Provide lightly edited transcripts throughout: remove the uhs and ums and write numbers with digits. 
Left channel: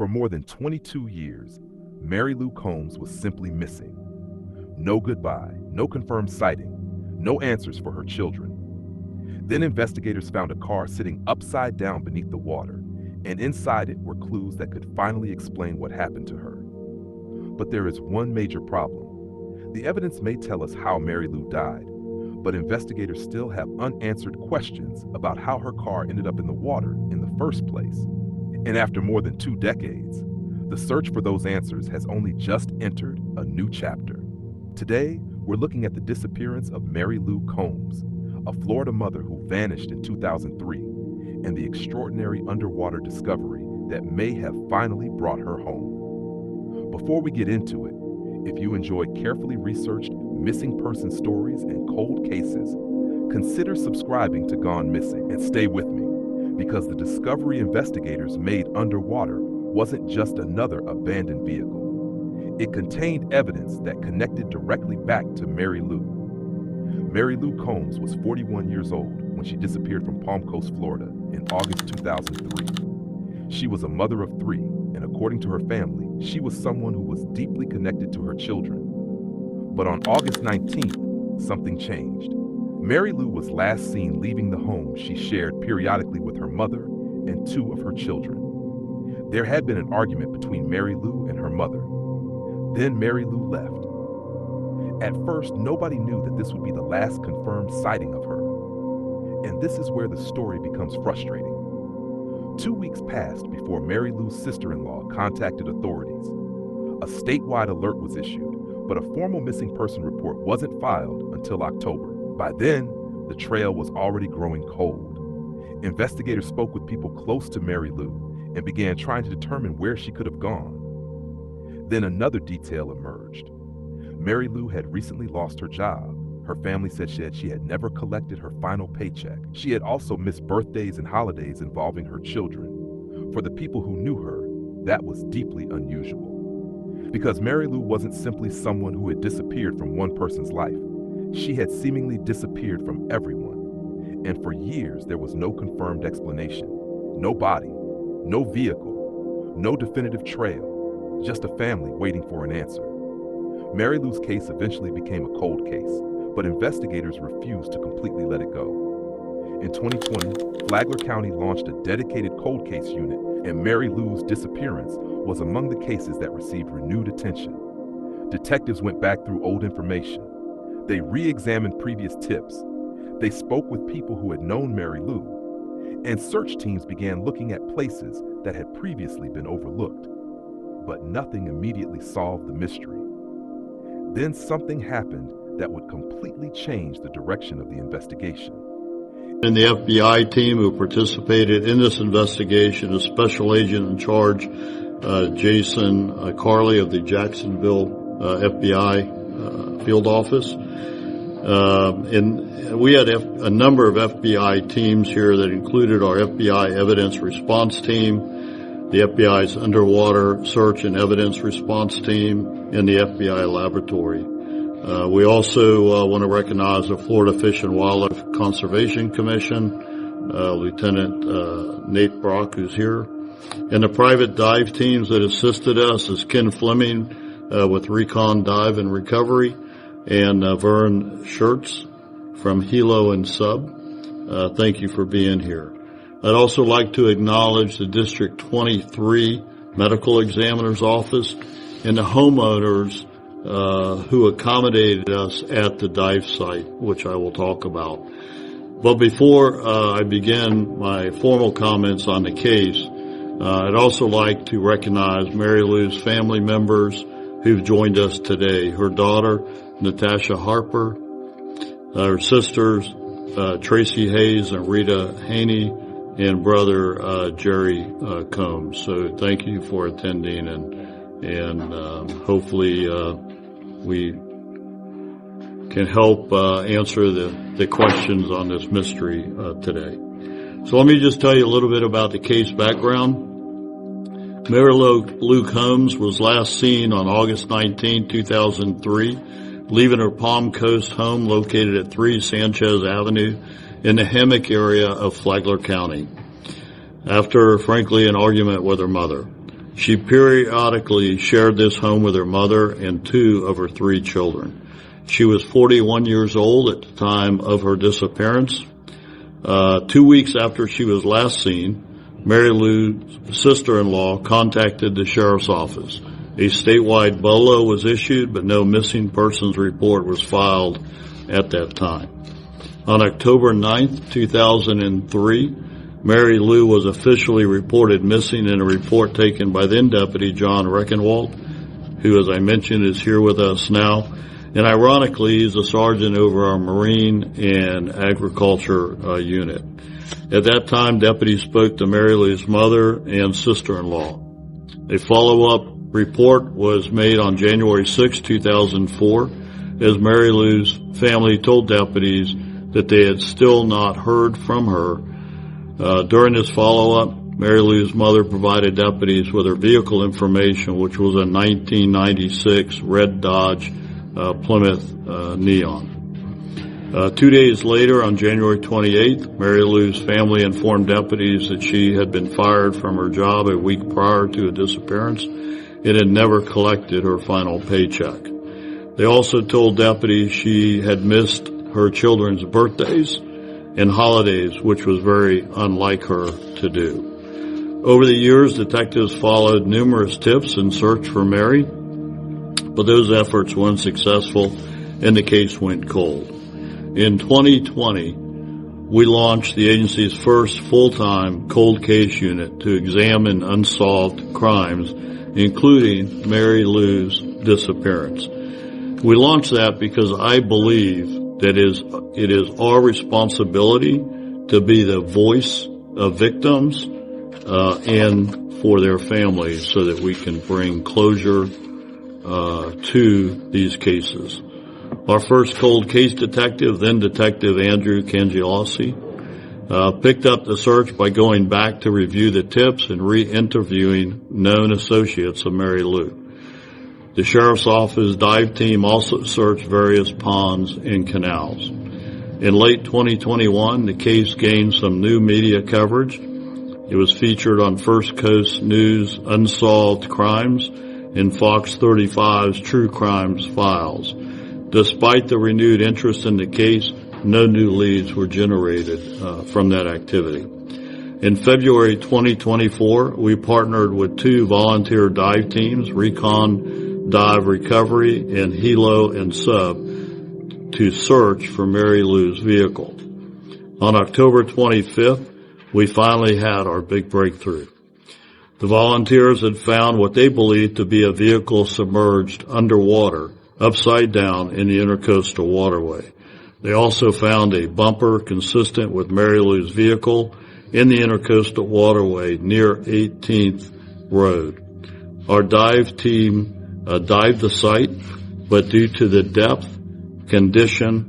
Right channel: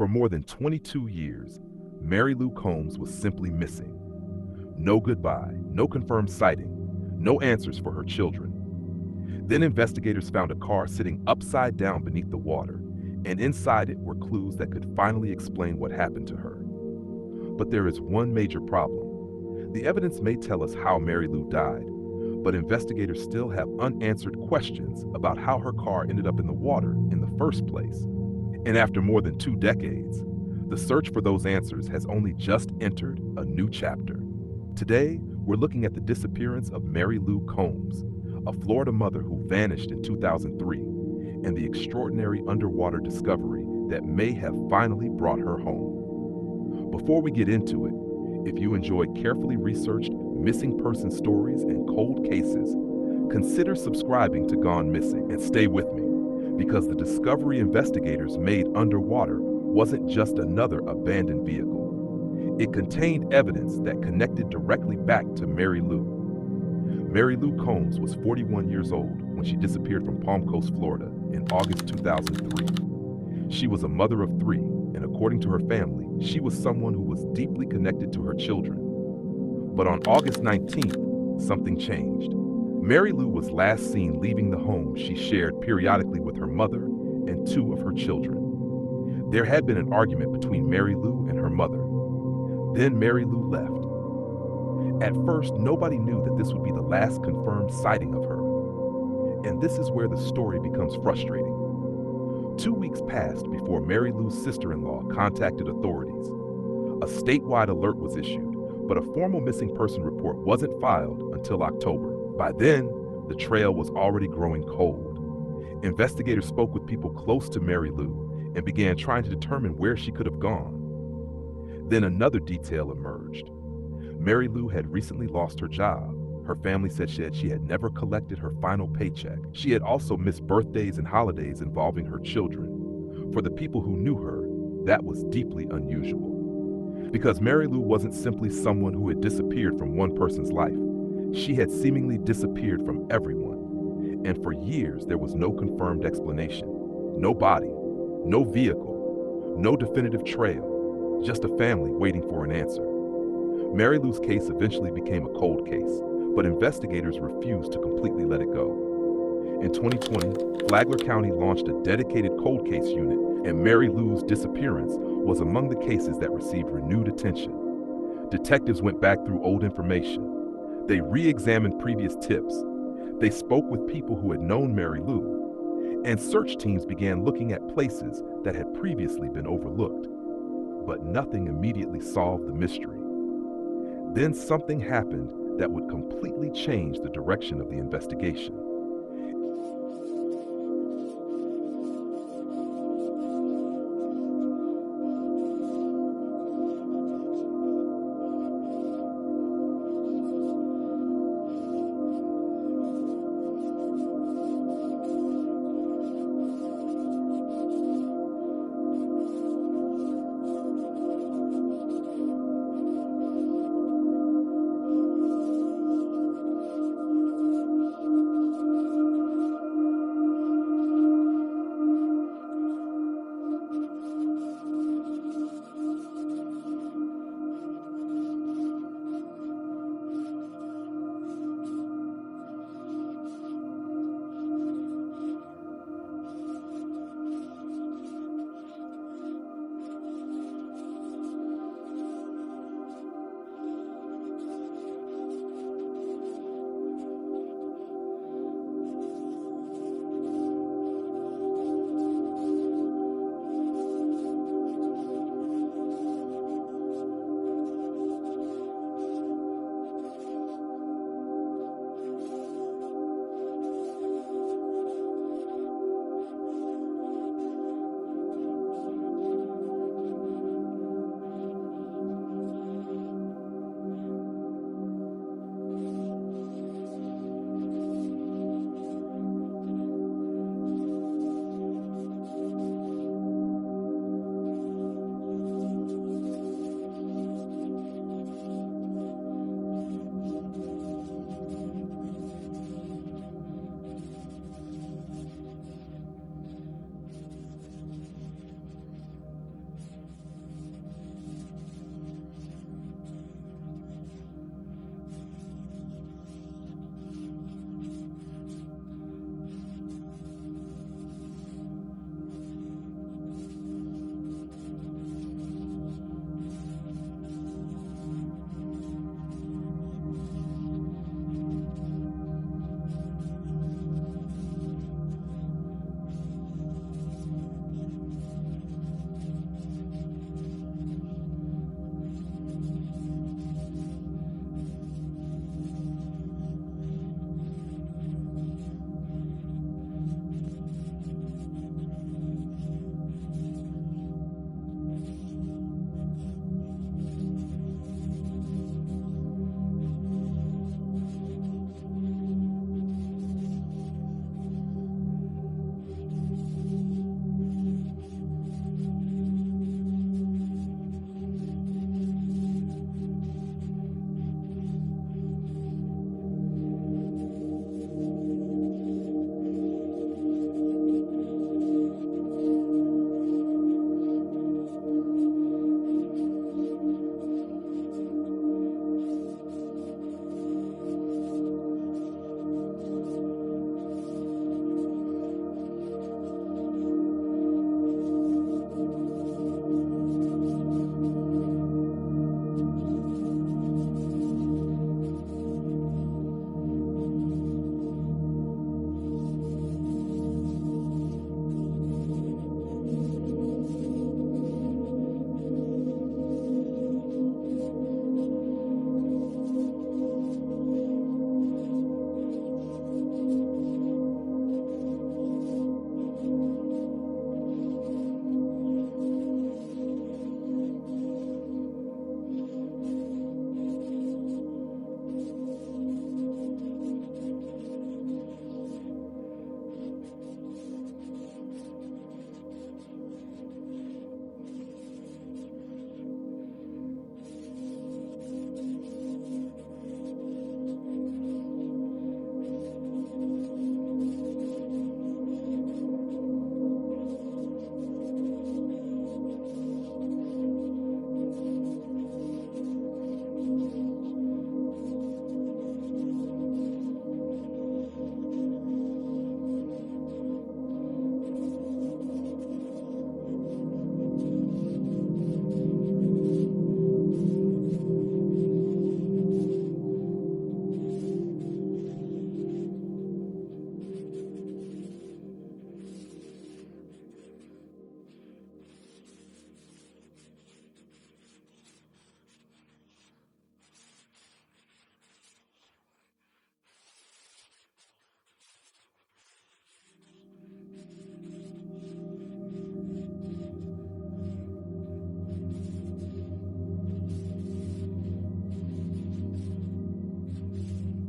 For more than 22 years, Mary Lou Combs was simply missing. No goodbye, no confirmed sighting, no answers for her children. Then investigators found a car sitting upside down beneath the water, and inside it were clues that could finally explain what happened to her. But there is one major problem. The evidence may tell us how Mary Lou died, but investigators still have unanswered questions about how her car ended up in the water in the first place. And after more than 2 decades, the search for those answers has only just entered a new chapter. Today, we're looking at the disappearance of Mary Lou Combs, a Florida mother who vanished in 2003, and the extraordinary underwater discovery that may have finally brought her home. Before we get into it, if you enjoy carefully researched missing person stories and cold cases, consider subscribing to Gone Missing and stay with me, because the discovery investigators made underwater wasn't just another abandoned vehicle. It contained evidence that connected directly back to Mary Lou. Mary Lou Combs was 41 years old when she disappeared from Palm Coast, Florida in August 2003. She was a mother of 3, and according to her family, she was someone who was deeply connected to her children. But on August 19th, something changed. Mary Lou was last seen leaving the home she shared periodically with her mother and 2 of her children. There had been an argument between Mary Lou and her mother. Then Mary Lou left. At first, nobody knew that this would be the last confirmed sighting of her. And this is where the story becomes frustrating. 2 weeks passed before Mary Lou's sister-in-law contacted authorities. A statewide alert was issued, but a formal missing person report wasn't filed until October. By then, the trail was already growing cold. Investigators spoke with people close to Mary Lou and began trying to determine where she could have gone. Then another detail emerged. Mary Lou had recently lost her job. Her family said she had never collected her final paycheck. She had also missed birthdays and holidays involving her children. For the people who knew her, that was deeply unusual. Because Mary Lou wasn't simply someone who had disappeared from one person's life. She had seemingly disappeared from everyone. And for years, there was no confirmed explanation. No body, no vehicle, no definitive trail, just a family waiting for an answer. Mary Lou's case eventually became a cold case, but investigators refused to completely let it go. In 2020, Flagler County launched a dedicated cold case unit, and Mary Lou's disappearance was among the cases that received renewed attention. Detectives went back through old information. They re-examined previous tips. They spoke with people who had known Mary Lou, and search teams began looking at places that had previously been overlooked. But nothing immediately solved the mystery. Then something happened that would completely change the direction of the investigation. And the FBI team who participated in this investigation is Special Agent in Charge Jason Carley of the Jacksonville FBI field office. And we had a number of FBI teams here that included our FBI Evidence Response Team, the FBI's Underwater Search and Evidence Response Team, and the FBI Laboratory. We also want to recognize the Florida Fish and Wildlife Conservation Commission, Lieutenant Nate Brock, who's here, and the private dive teams that assisted us is Ken Fleming with Recon Dive and Recovery, and Vern Schertz from Hilo and Sub. Thank you for being here. I'd also like to acknowledge the District 23 Medical Examiner's Office and the homeowners who accommodated us at the dive site, which I will talk about. But before I begin my formal comments on the case, I'd also like to recognize Mary Lou's family members who've joined us today. Her daughter, Natasha Harper, her sisters, Tracy Hayes and Rita Haney, and brother Jerry Combs. So thank you for attending, and hopefully we can help answer the questions on this mystery today. So let me just tell you a little bit about the case background. Mary Lou Combs was last seen on August 19, 2003, leaving her Palm Coast home located at 3 Sanchez Avenue in the Hammock area of Flagler County after, frankly, an argument with her mother. She periodically shared this home with her mother and 2 of her 3 children. She was 41 years old at the time of her disappearance. 2 weeks after she was last seen, Mary Lou's sister-in-law contacted the sheriff's office. A statewide BOLO was issued, but no missing persons report was filed at that time. On October 9th, 2003, Mary Lou was officially reported missing in a report taken by then Deputy John Reckenwald, who, as I mentioned, is here with us now. And ironically, he's a sergeant over our Marine and Agriculture unit. At that time, deputies spoke to Mary Lou's mother and sister-in-law. A follow-up report was made on January 6, 2004, as Mary Lou's family told deputies that they had still not heard from her. During this follow-up, Mary Lou's mother provided deputies with her vehicle information, which was a 1996 red Dodge Plymouth Neon. 2 days later, on January 28th, Mary Lou's family informed deputies that she had been fired from her job a week prior to a disappearance and had never collected her final paycheck. They also told deputies she had missed her children's birthdays and holidays, which was very unlike her to do. Over the years, detectives followed numerous tips and searched for Mary, but those efforts were unsuccessful and the case went cold. In 2020, we launched the agency's first full-time cold case unit to examine unsolved crimes, including Mary Lou's disappearance. We launched that because I believe that it is our responsibility to be the voice of victims and for their families so that we can bring closure to these cases. Our first cold case detective, then Detective Andrew Cangialosi, picked up the search by going back to review the tips and re-interviewing known associates of Mary Lou. The Sheriff's Office dive team also searched various ponds and canals. In late 2021, the case gained some new media coverage. It was featured on First Coast News' Unsolved Crimes and Fox 35's True Crimes Files. Despite the renewed interest in the case, no new leads were generated from that activity. In February 2024, we partnered with 2 volunteer dive teams, Recon Dive Recovery and Hilo and Sub, to search for Mary Lou's vehicle. On October 25th, we finally had our big breakthrough. The volunteers had found what they believed to be a vehicle submerged underwater, upside down in the Intracoastal Waterway. They also found a bumper consistent with Mary Lou's vehicle in the Intracoastal Waterway near 18th Road. Our dive team dived the site, but due to the depth, condition,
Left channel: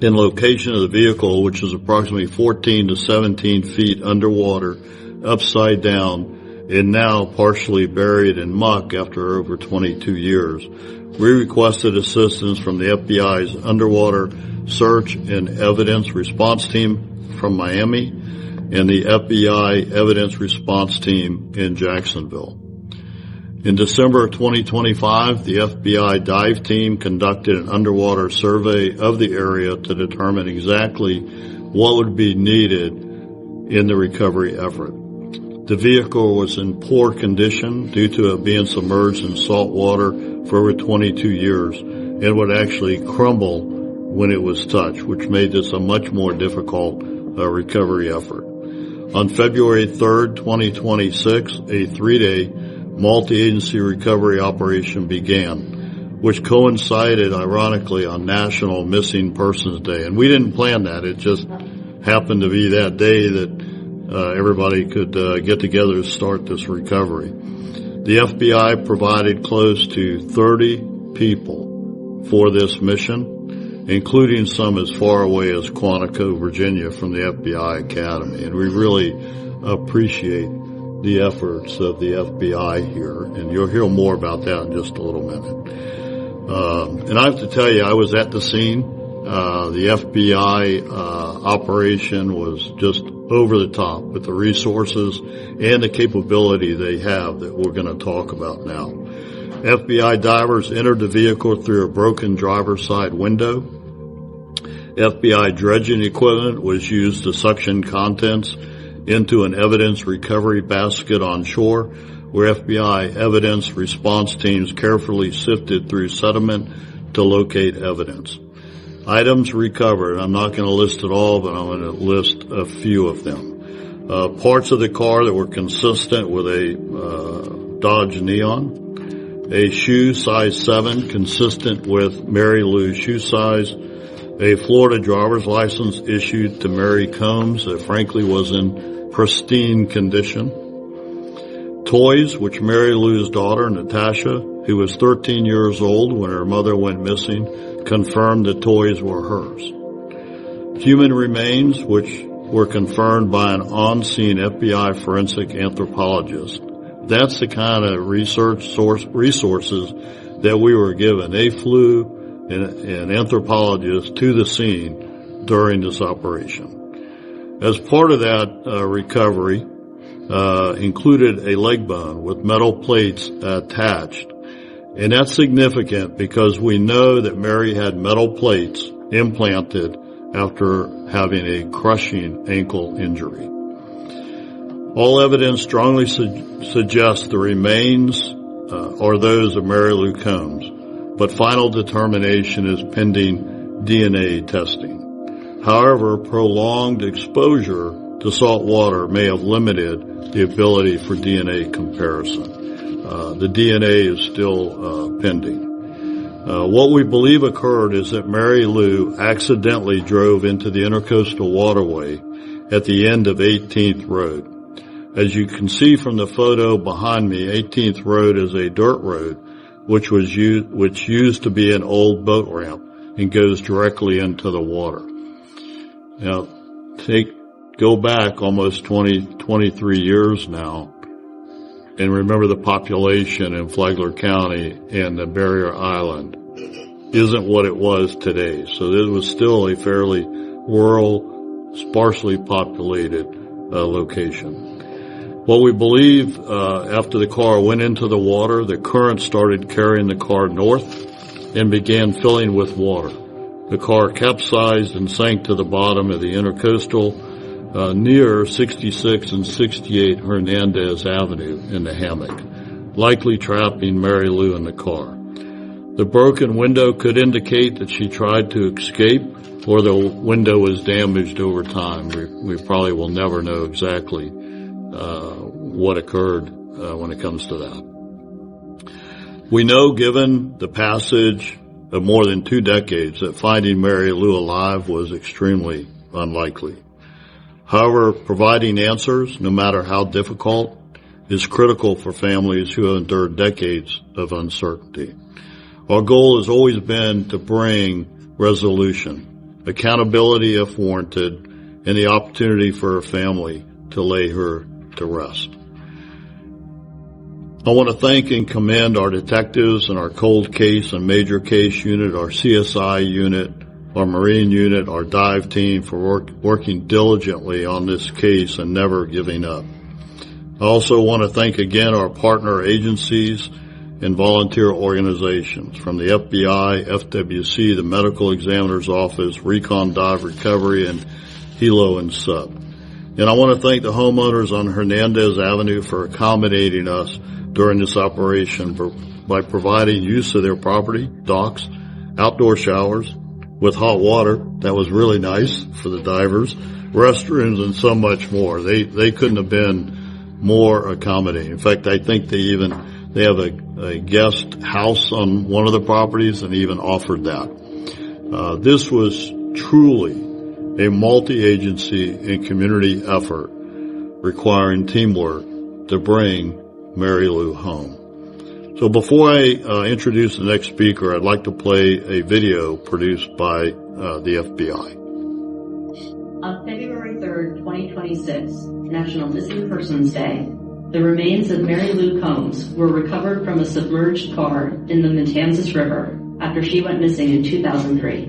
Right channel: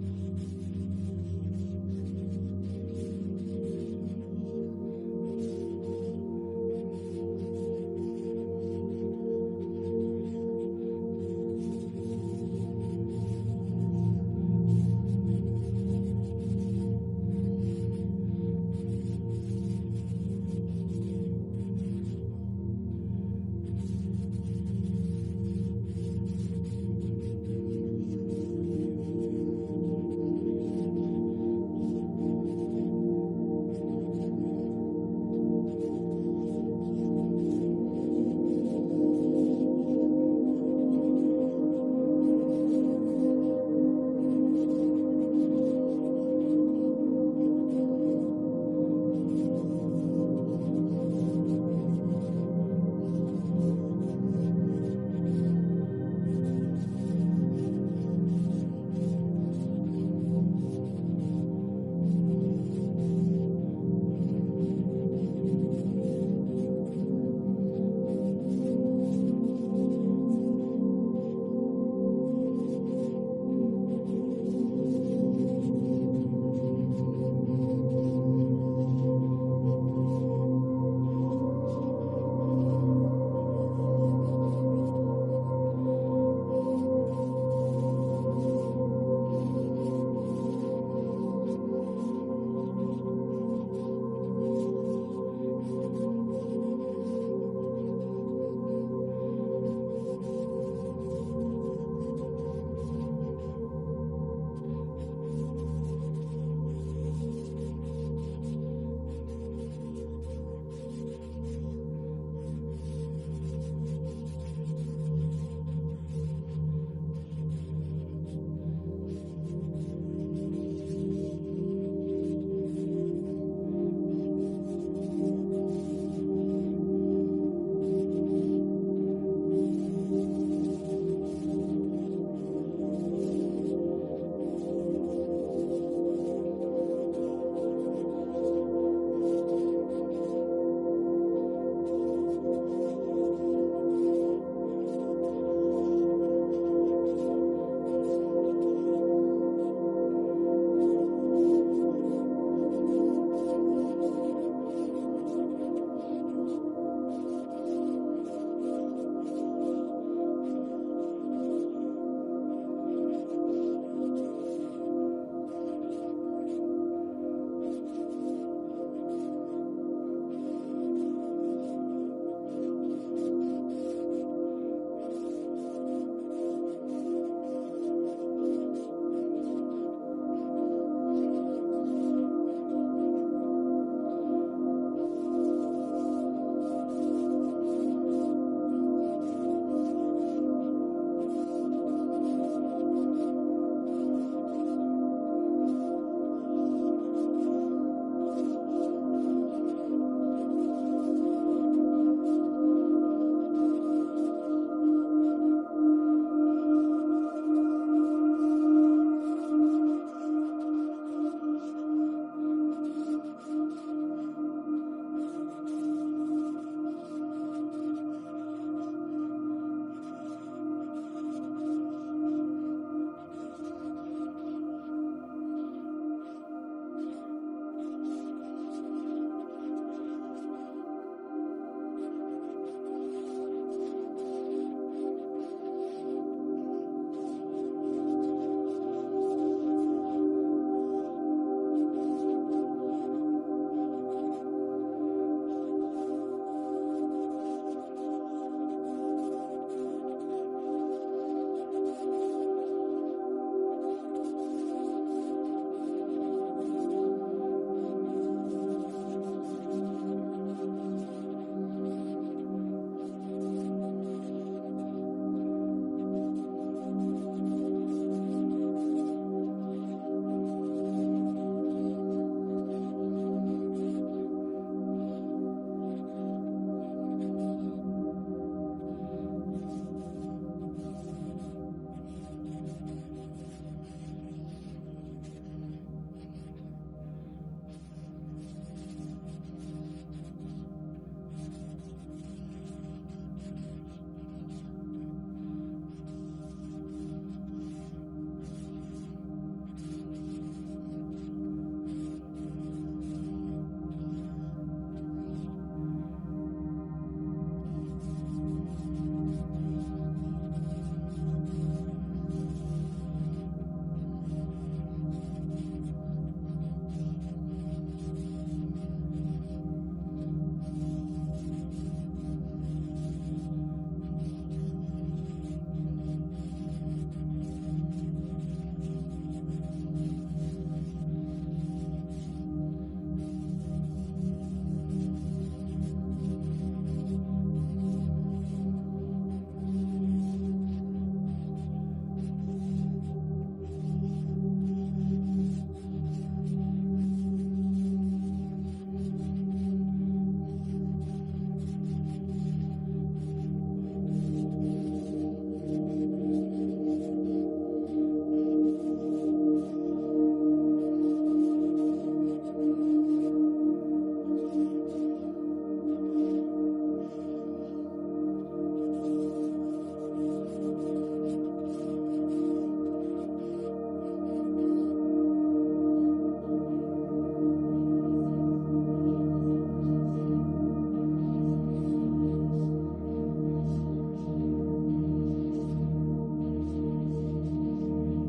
and location of the vehicle, which is approximately 14 to 17 feet underwater, upside down, and now partially buried in muck after over 22 years, we requested assistance from the FBI's Underwater Search and Evidence Response Team from Miami and the FBI Evidence Response Team in Jacksonville. In December of 2025, the FBI dive team conducted an underwater survey of the area to determine exactly what would be needed in the recovery effort. The vehicle was in poor condition due to it being submerged in salt water for over 22 years and would actually crumble when it was touched, which made this a much more difficult recovery effort. On February 3rd, 2026, a 3-day multi-agency recovery operation began, which coincided, ironically, on National Missing Persons Day. And we didn't plan that. It just happened to be that day that everybody could get together to start this recovery. The FBI provided close to 30 people for this mission, including some as far away as Quantico, Virginia, from the FBI Academy. And we really appreciate the efforts of the FBI here, and you'll hear more about that in just a little minute. And I have to tell you, I was at the scene. the FBI operation was just over the top with the resources and the capability they have that we're going to talk about now. FBI divers entered the vehicle through a broken driver's side window. FBI dredging equipment was used to suction contents into an evidence recovery basket on shore, where FBI evidence response teams carefully sifted through sediment to locate evidence. Items recovered, I'm not going to list it all, but I'm going to list a few of them. Parts of the car that were consistent with a Dodge Neon, a shoe size 7 consistent with Mary Lou's shoe size, a Florida driver's license issued to Mary Combs that frankly was in pristine condition, toys which Mary Lou's daughter, Natasha, who was 13 years old when her mother went missing, confirmed the toys were hers. Human remains, which were confirmed by an on-scene FBI forensic anthropologist. That's the kind of resources that we were given. They flew an anthropologist to the scene during this operation. As part of that recovery, included a leg bone with metal plates attached. And that's significant because we know that Mary had metal plates implanted after having a crushing ankle injury. All evidence strongly suggests the remains are those of Mary Lou Combs, but final determination is pending DNA testing. However, prolonged exposure to salt water may have limited the ability for DNA comparison. The DNA is still pending. What we believe occurred is that Mary Lou accidentally drove into the Intracoastal Waterway at the end of 18th Road. As you can see from the photo behind me, 18th Road is a dirt road which used to be an old boat ramp and goes directly into the water. Now, go back almost 23 years now, and remember the population in Flagler County and the Barrier Island isn't what it was today. So it was still a fairly rural, sparsely populated location. What we believe, after the car went into the water, the current started carrying the car north and began filling with water. The car capsized and sank to the bottom of the Intracoastal near 66 and 68 Hernandez Avenue in the hammock, likely trapping Mary Lou in the car. The broken window could indicate that she tried to escape or the window was damaged over time. We probably will never know exactly what occurred when it comes to that. We know, given the passage of more than 2 decades, that finding Mary Lou alive was extremely unlikely. However, providing answers, no matter how difficult, is critical for families who have endured decades of uncertainty. Our goal has always been to bring resolution, accountability if warranted, and the opportunity for her family to lay her to rest. I want to thank and commend our detectives and our cold case and major case unit, our CSI unit, our Marine unit, our dive team for working diligently on this case and never giving up. I also want to thank again our partner agencies and volunteer organizations from the FBI, FWC, the Medical Examiner's Office, Recon Dive Recovery, and Hilo and Sub. And I want to thank the homeowners on Hernandez Avenue for accommodating us during this operation by providing use of their property, docks, outdoor showers, with hot water. That was really nice for the divers, restrooms, and so much more. They couldn't have been more accommodating. In fact, I think they have a guest house on one of the properties and even offered that. This was truly a multi-agency and community effort requiring teamwork to bring Mary Lou home. So before I introduce the next speaker, I'd like to play a video produced by the FBI. On February 3rd, 2026, National Missing Persons Day, the remains of Mary Lou Combs were recovered from a submerged car in the Matanzas River after she went missing in 2003.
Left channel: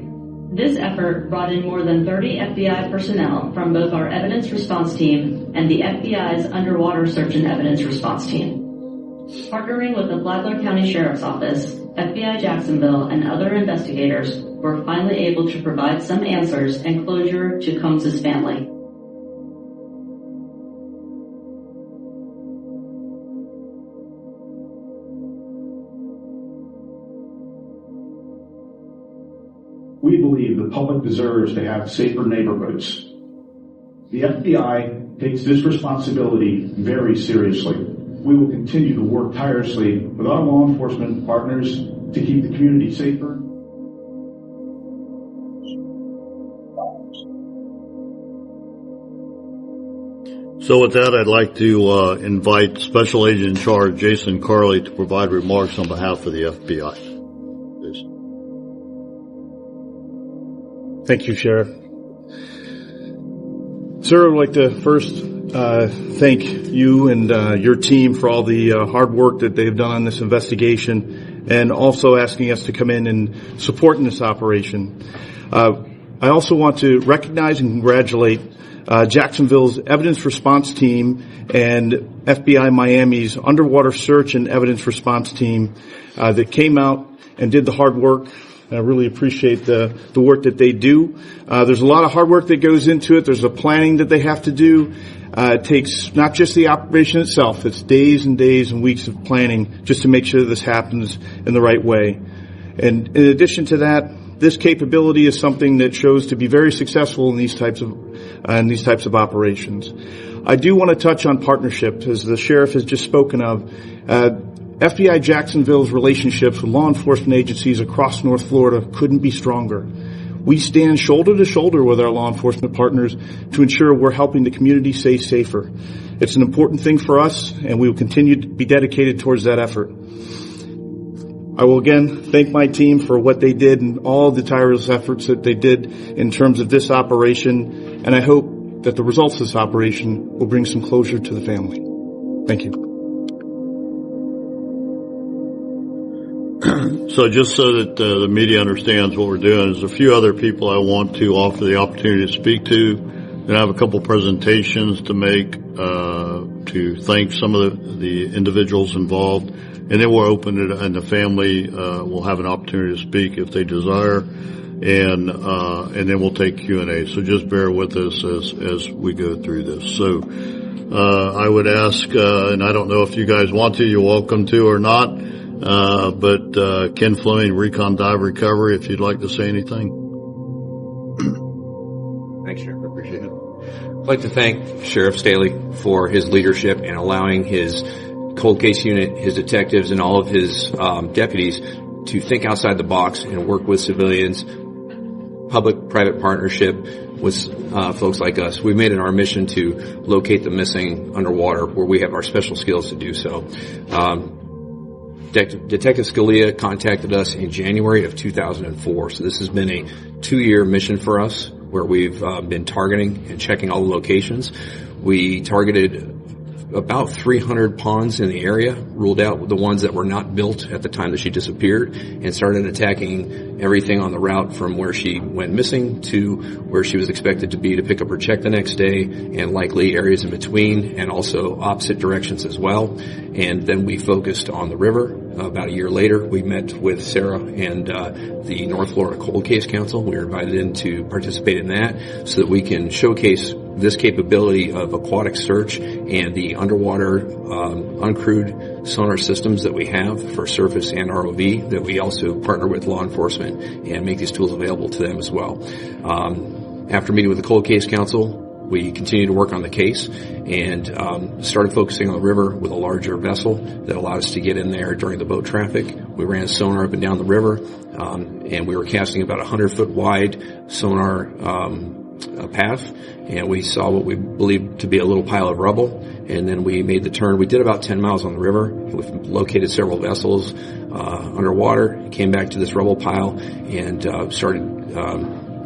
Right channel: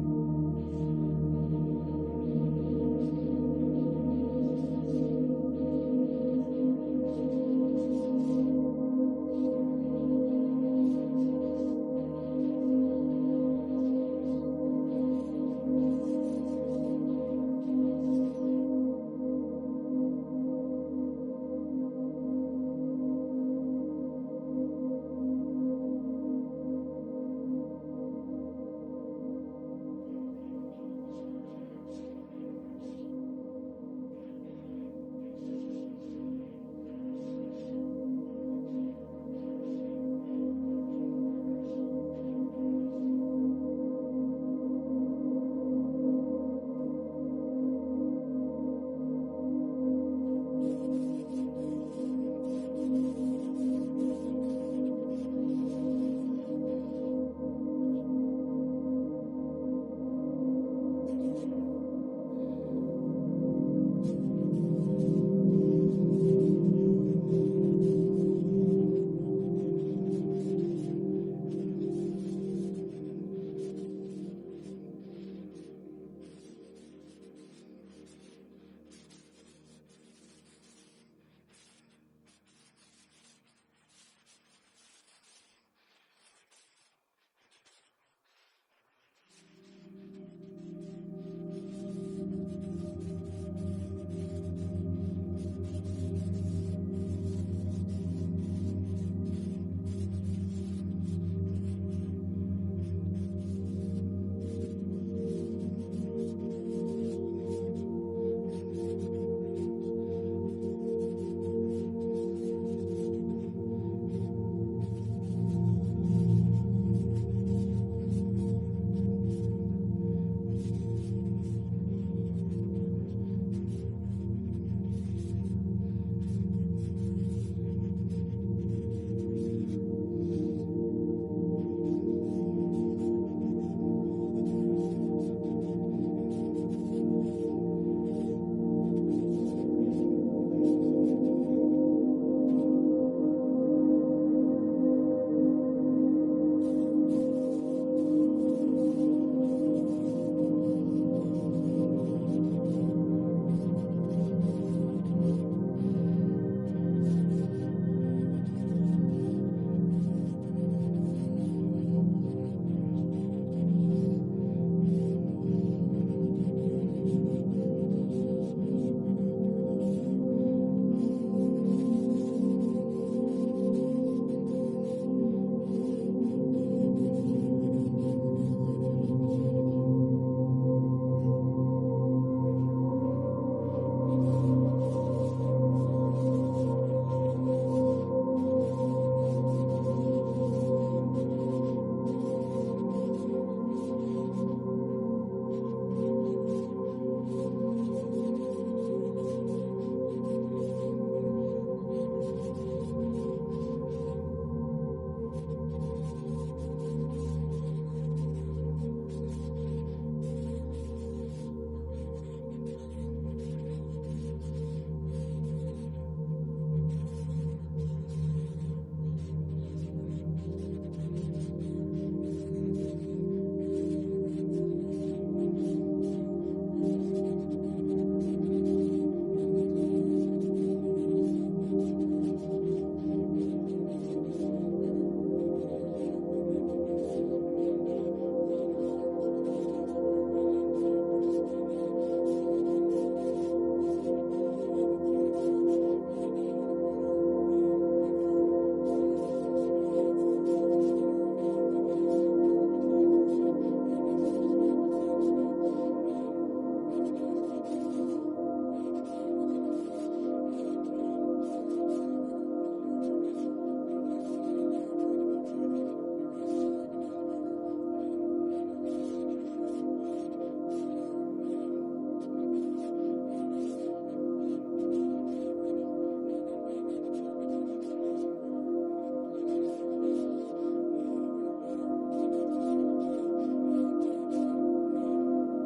This effort brought in more than 30 FBI personnel from both our evidence response team and the FBI's underwater search and evidence response team. Partnering with the Flagler County Sheriff's Office, FBI Jacksonville, and other investigators, were finally able to provide some answers and closure to Combs' family. We believe the public deserves to have safer neighborhoods. The FBI takes this responsibility very seriously. We will continue to work tirelessly with our law enforcement partners to keep the community safer. So with that, I'd like to invite Special Agent in Charge Jason Carley to provide remarks on behalf of the FBI. Thank you, Sheriff. Sir, I'd like to first thank you and your team for all the hard work that they've done on this investigation, and also asking us to come in and support in this operation. I also want to recognize and congratulate Jacksonville's evidence response team and FBI Miami's underwater search and evidence response team that came out and did the hard work. I really appreciate the work that they do. There's a lot of hard work that goes into it. There's a planning that they have to do. It takes not just the operation itself. It's days and days and weeks of planning just to make sure this happens in the right way. And in addition to that, this capability is something that shows to be very successful in these types of operations. I do want to touch on partnerships, as the sheriff has just spoken of. FBI Jacksonville's relationships with law enforcement agencies across North Florida couldn't be stronger. We stand shoulder to shoulder with our law enforcement partners to ensure we're helping the community stay safer. It's an important thing for us, and we will continue to be dedicated towards that effort. I will again thank my team for what they did and all the tireless efforts that they did in terms of this operation, and I hope that the results of this operation will bring some closure to the family. Thank you. So just so that the media understands what we're doing, there's a few other people I want to offer the opportunity to speak to. And I have a couple presentations to make to thank some of the individuals involved. And then we'll open it, and the family will have an opportunity to speak if they desire. And then we'll take Q&A. So just bear with us as we go through this. So I would ask, and I don't know if you guys want to, you're welcome to or not. But Ken Fleming, Recon Dive Recovery, if you'd like to say anything. Thanks, Sheriff. I appreciate it. I'd like to thank Sheriff Staley for his leadership and allowing his cold case unit, his detectives, and all of his deputies to think outside the box and work with civilians, public-private partnership with folks like us. We've made it our mission to locate the missing underwater, where we have our special skills to do so. Detective Scalia contacted us in January of 2004, so this has been a 2-year mission for us, where we've been targeting and checking all the locations. We targeted about 300 ponds in the area, ruled out the ones that were not built at the time that she disappeared, and started attacking everything on the route from where she went missing to where she was expected to be to pick up her check the next day, and likely areas in between, and also opposite directions as well. And then we focused on the river. About a year later, we met with Sarah and the North Florida Cold Case Council. We were invited in to participate in that so that we can showcase this capability of aquatic search and the underwater uncrewed sonar systems that we have for surface and ROV, that we also partner with law enforcement and make these tools available to them as well. After meeting with the Cold Case Council, we continued to work on the case and started focusing on the river with a larger vessel that allowed us to get in there during the boat traffic. We ran sonar up and down the river, and we were casting about a 100-foot wide sonar path, and we saw what we believed to be a little pile of rubble, and then we made the turn. We did about 10 miles on the river. We've located several vessels underwater, came back to this rubble pile, and started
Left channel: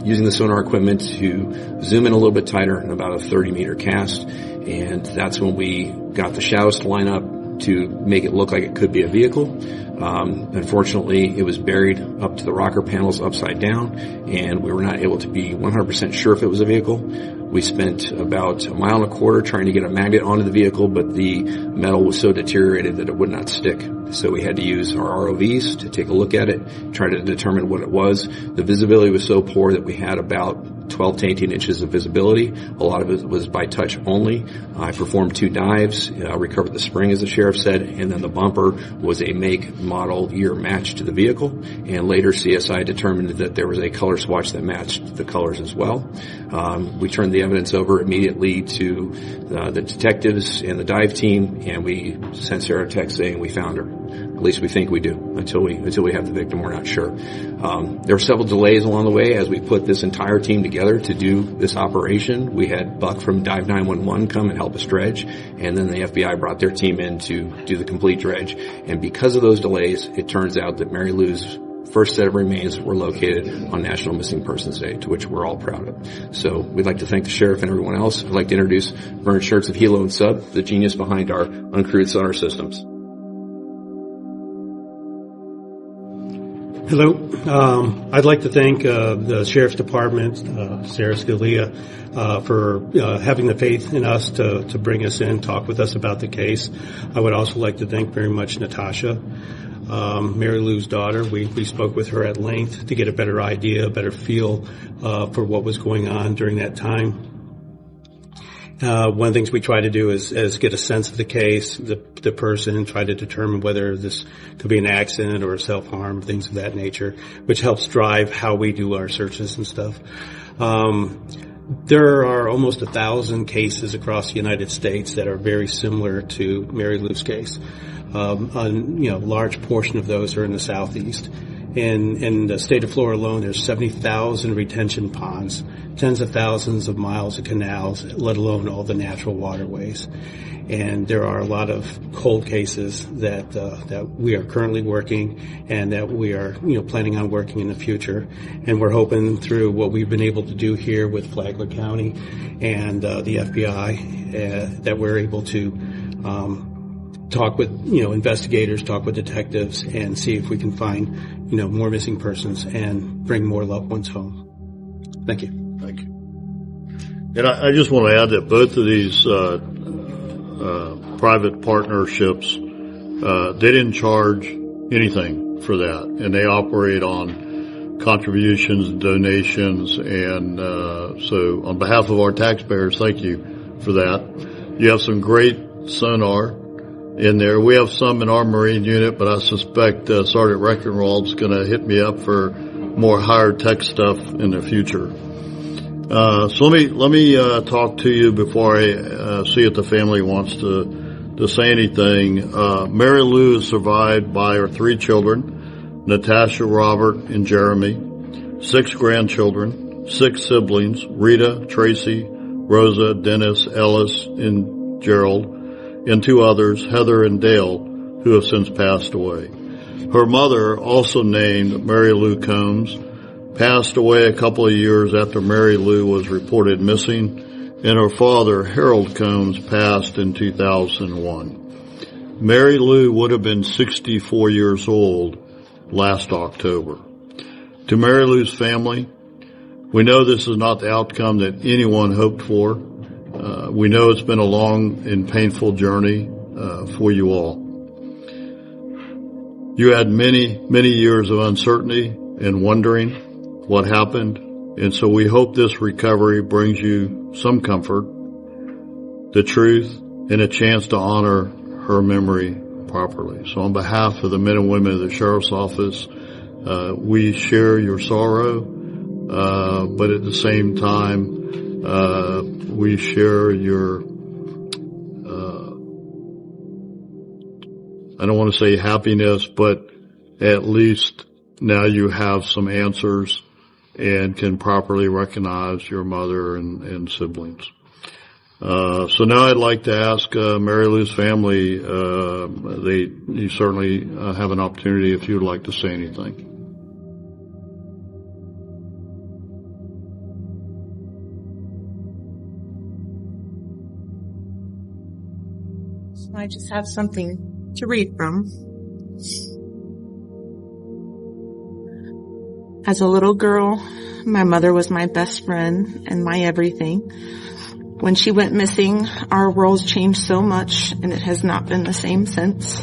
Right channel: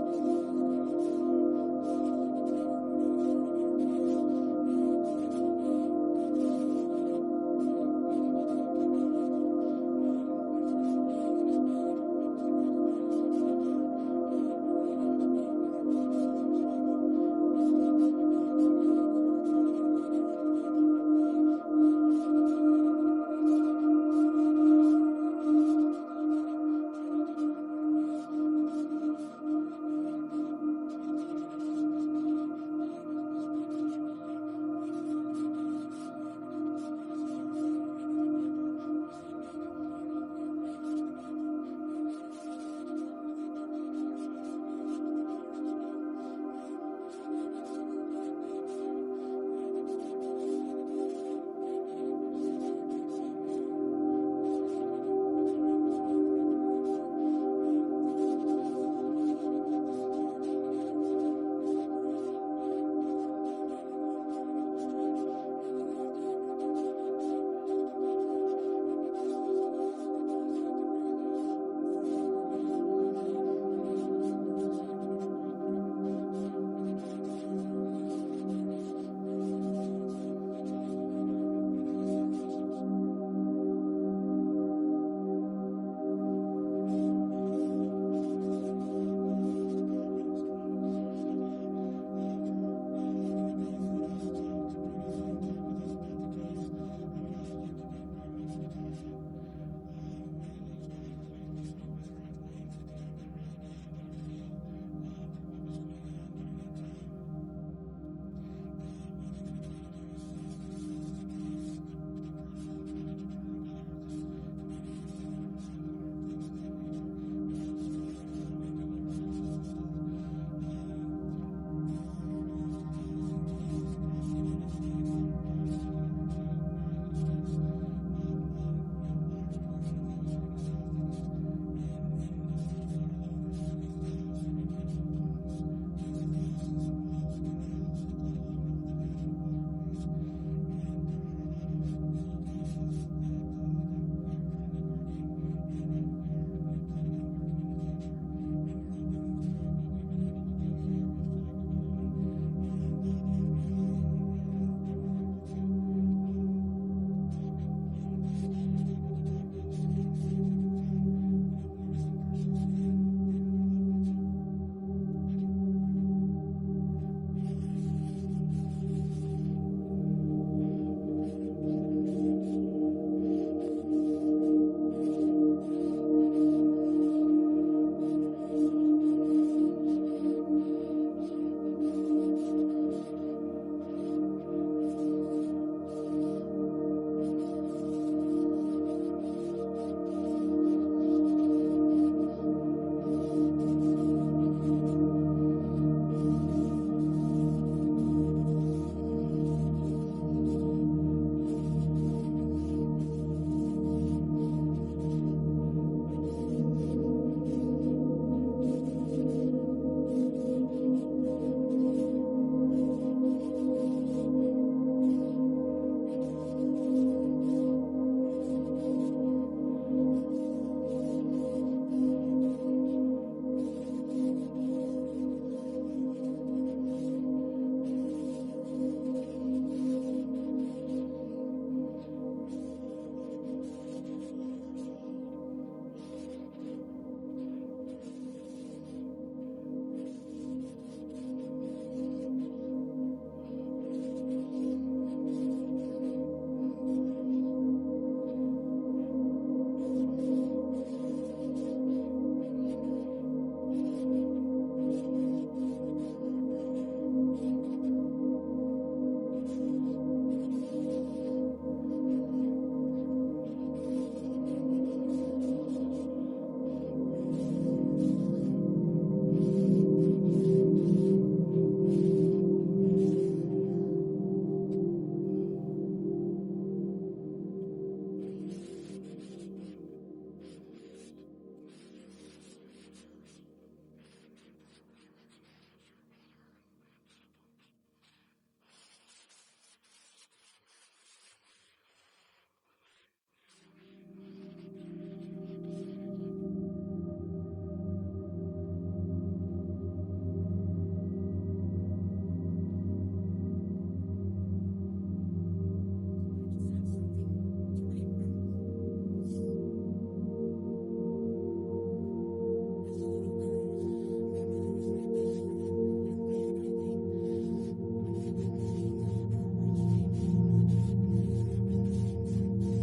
using the sonar equipment to zoom in a little bit tighter in about a 30-meter cast. And that's when we got the shallows to line up, to make it look like it could be a vehicle. Unfortunately, it was buried up to the rocker panels upside down, and we were not able to be 100% sure if it was a vehicle. We spent about 1.25 miles trying to get a magnet onto the vehicle, but the metal was so deteriorated that it would not stick. So we had to use our ROVs to take a look at it, try to determine what it was. The visibility was so poor that we had about 12 to 18 inches of visibility. A lot of it was by touch only. I performed 2 dives, recovered the spring, as the sheriff said, and then the bumper was a make, model, year match to the vehicle. And later CSI determined that there was a color swatch that matched the colors as well. We turned the evidence over immediately to the detectives and the dive team, and we sent Sarah a text saying we found her. At least we think we do. Until we have the victim, we're not sure. There were several delays along the way as we put this entire team together to do this operation. We had Buck from Dive 911 come and help us dredge, and then the FBI brought their team in to do the complete dredge. And because of those delays, it turns out that Mary Lou's first set of remains were located on National Missing Persons Day, to which we're all proud of. So we'd like to thank the sheriff and everyone else. I'd like to introduce Vern Schertz of Hilo and Sub, the genius behind our uncrewed sonar systems. Hello. I'd like to thank the Sheriff's Department, Sarah Scalia, for having the faith in us to bring us in, talk with us about the case. I would also like to thank very much Natasha, Mary Lou's daughter. We spoke with her at length to get a better idea, a better feel for what was going on during that time. One of the things we try to do is get a sense of the case, the person, try to determine whether this could be an accident or a self-harm, things of that nature, which helps drive how we do our searches and stuff. There are almost 1,000 cases across the United States that are very similar to Mary Lou's case. A large portion of those are in the Southeast. In the state of Florida alone, there's 70,000 retention ponds, tens of thousands of miles of canals, let alone all the natural waterways. And there are a lot of cold cases that we are currently working and that we are planning on working in the future. And we're hoping through what we've been able to do here with Flagler County and the FBI that we're able to talk with investigators, talk with detectives, and see if we can find more missing persons and bring more loved ones home. Thank you. Thank you. And I just want to add that both of these private partnerships, they didn't charge anything for that, and they operate on contributions, donations, and so on behalf of our taxpayers, thank you for that. You have some great sonar in there. We have some in our Marine unit, but I suspect Sergeant Reckenwald's going to hit me up for more higher tech stuff in the future. So let me talk to you before I see if the family wants to say anything. Mary Lou is survived by her 3 children, Natasha, Robert, and Jeremy, 6 grandchildren, 6 siblings, Rita, Tracy, Rosa, Dennis, Ellis, and Gerald, and 2 others, Heather and Dale, who have since passed away. Her mother, also named Mary Lou Combs, passed away a couple of years after Mary Lou was reported missing, and her father, Harold Combs, passed in 2001. Mary Lou would have been 64 years old last October. To Mary Lou's family, we know this is not the outcome that anyone hoped for. We know it's been a long and painful journey for you all. You had many, many years of uncertainty and wondering what happened, and so we hope this recovery brings you some comfort, the truth, and a chance to honor her memory properly. So on behalf of the men and women of the Sheriff's Office, we share your sorrow, but at the same time, we share your, I don't want to say happiness, but at least now you have some answers and can properly recognize your mother and siblings. So now I'd like to ask Mary Lou's family, you certainly have an opportunity if you'd like to say anything. I I just have something to read from. As a little girl, my mother was my best friend and my everything. When she went missing, our worlds changed so much, and it has not been the same since.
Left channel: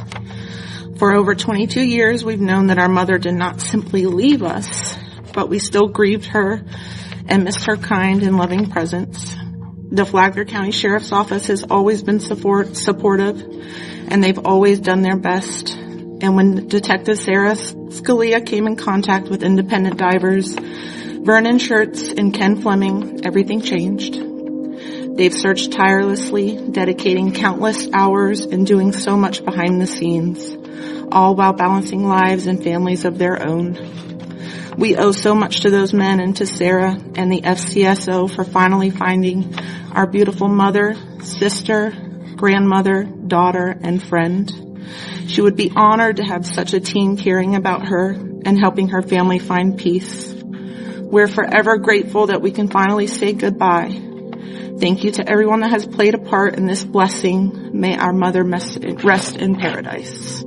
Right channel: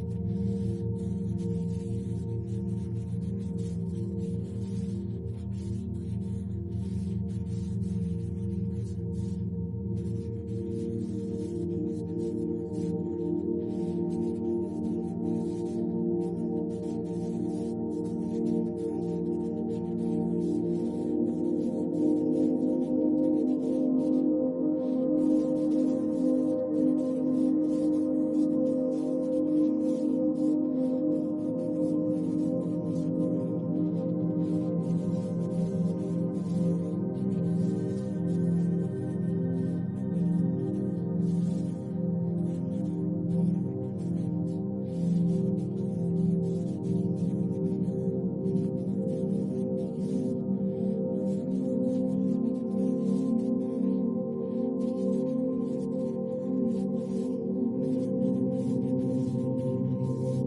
For over 22 years, we've known that our mother did not simply leave us, but we still grieved her and missed her kind and loving presence. The Flagler County Sheriff's Office has always been supportive, and they've always done their best. And when Detective Sarah Scalia came in contact with independent divers, Vernon Schertz and Ken Fleming, everything changed. They've searched tirelessly, dedicating countless hours and doing so much behind the scenes, all while balancing lives and families of their own. We owe so much to those men and to Sarah and the FCSO for finally finding our beautiful mother, sister, grandmother, daughter, and friend. She would be honored to have such a team caring about her and helping her family find peace. We're forever grateful that we can finally say goodbye. Thank you to everyone that has played a part in this blessing. May our mother rest in paradise.